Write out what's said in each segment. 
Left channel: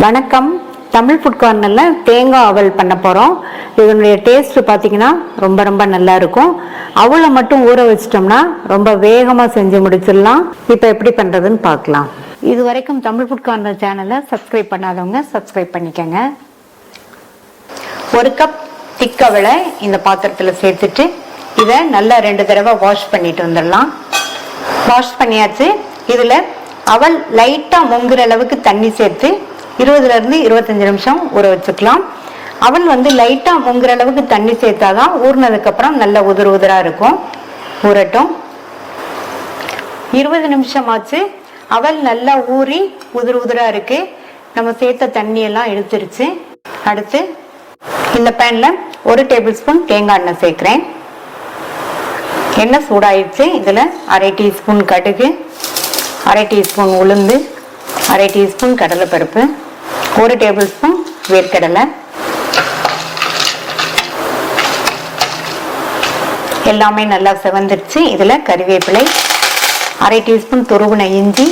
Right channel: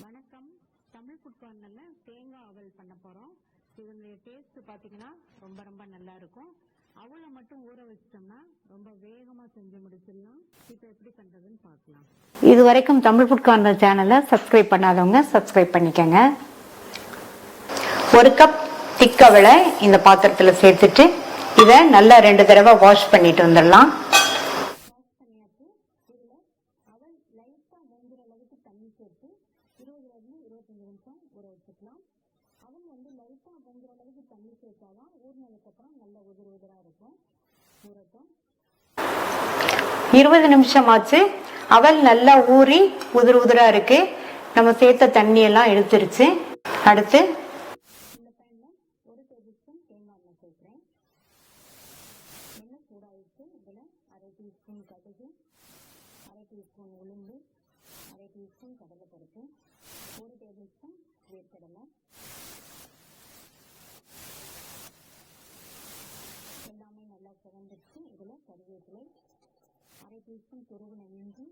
வணக்கம். தமிழ் ஃபுட் கார்னரில் தேங்காய் அவல் பண்ண போகிறோம். இதனுடைய டேஸ்ட் பார்த்தீங்கன்னா ரொம்ப ரொம்ப நல்லா இருக்கும். அவலை மட்டும் ஊற வச்சிட்டோம்னா ரொம்ப வேகமாக செஞ்சு முடிச்சிடலாம். இப்போ எப்படி பண்ணுறதுன்னு பார்க்கலாம். இது வரைக்கும் தமிழ் ஃபுட் கார்னர் சேனலை சப்ஸ்கிரைப் பண்ணாதவங்க சப்ஸ்கிரைப் பண்ணிக்கோங்க. ஒரு கப் திக் அவலை இந்த பாத்திரத்தில் சேர்த்துட்டு இதை நல்லா 2 தடவை வாஷ் பண்ணிட்டு வந்துடலாம். வாஷ் பண்ணியாச்சு. இதில் அவல் லைட்டாக முங்குற அளவுக்கு தண்ணி சேர்த்து 20 இருந்து 25 நிமிஷம் ஊற வச்சுக்கலாம். அவல் லைட்டா முங்குற அளவுக்கு தண்ணி சேர்த்தாதான் ஊறினதுக்கு அப்புறம் நல்ல உதிர உதிரா இருக்கும். ஊறட்டும். 20 நிமிஷம் ஆச்சு. அவல் நல்லா ஊறி உதிர உதிரா இருக்கு. நம்ம சேர்த்த தண்ணி எல்லாம் இழுத்துருச்சு. அடுத்து இந்த பேன்ல 1 டேபிள் ஸ்பூன் தேங்காய் எண்ணெய் சேர்க்கிறேன். எண்ணெய் சூடாயிடுச்சு. இதுல 1/2 டீஸ்பூன் கடுகு, 1/2 டீஸ்பூன் உளுந்து, 1/2 டீஸ்பூன் கடலைப்பருப்பு, 1 டேபிள் ஸ்பூன் வேர்க்கடலை, எல்லாமே நல்லா செவந்துருச்சு. இதுல கறிவேப்பிலை, 1/2 டீஸ்பூன் துருவின இஞ்சி,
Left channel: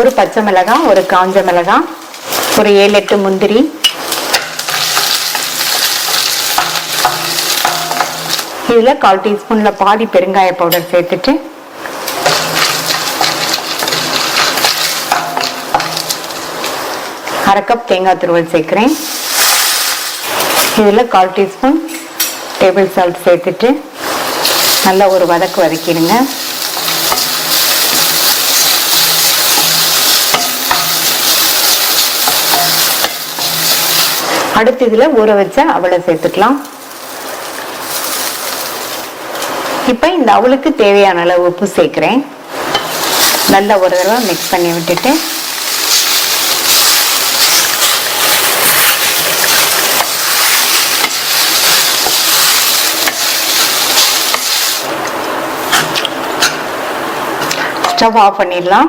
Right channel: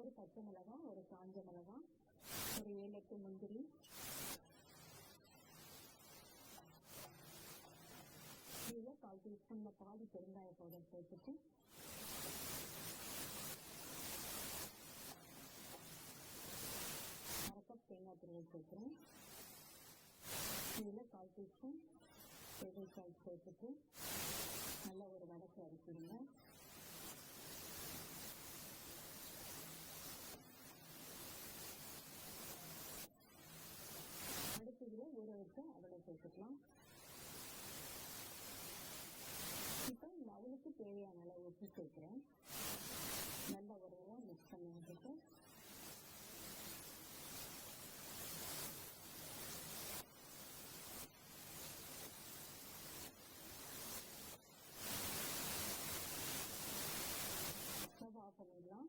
1 பச்சை மிளகாய், 1 காஞ்ச மிளகாய், ஒரு 7-8 முந்திரி, இதுல 1/4 டீஸ்பூன்ல பாதி பெருங்காய பவுடர் சேர்த்துட்டு அரை கப் தேங்காய் துருவல் சேர்க்கிறேன். இதில் 1/4 டீஸ்பூன் டேபிள் சால்ட் சேர்த்துட்டு நல்லா ஒரு வதக்கு வதக்கிடுங்க. அடுத்து இதில் ஊற வச்ச அவலை சேர்த்துக்கலாம். இப்போ இந்த அவலுக்கு தேவையான அளவு உப்பு சேர்க்கிறேன். நல்லா ஒரு தடவை மிக்ஸ் பண்ணி விட்டுட்டு ஸ்டவ் ஆஃப் பண்ணிடலாம்.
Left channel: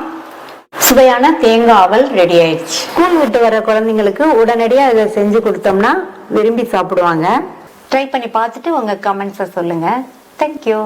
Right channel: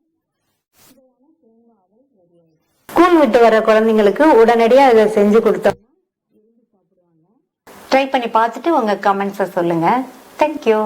சுவையான தேங்காய் அவல் ரெடி ஆயிடுச்சு. ஸ்கூல் விட்டு வர குழந்தைங்களுக்கு உடனடியாக இதை செஞ்சு கொடுத்தோம்னா விரும்பி சாப்பிடுவாங்க. ட்ரை பண்ணி பார்த்துட்டு உங்க கமெண்ட்ஸை சொல்லுங்க. தேங்க்யூ.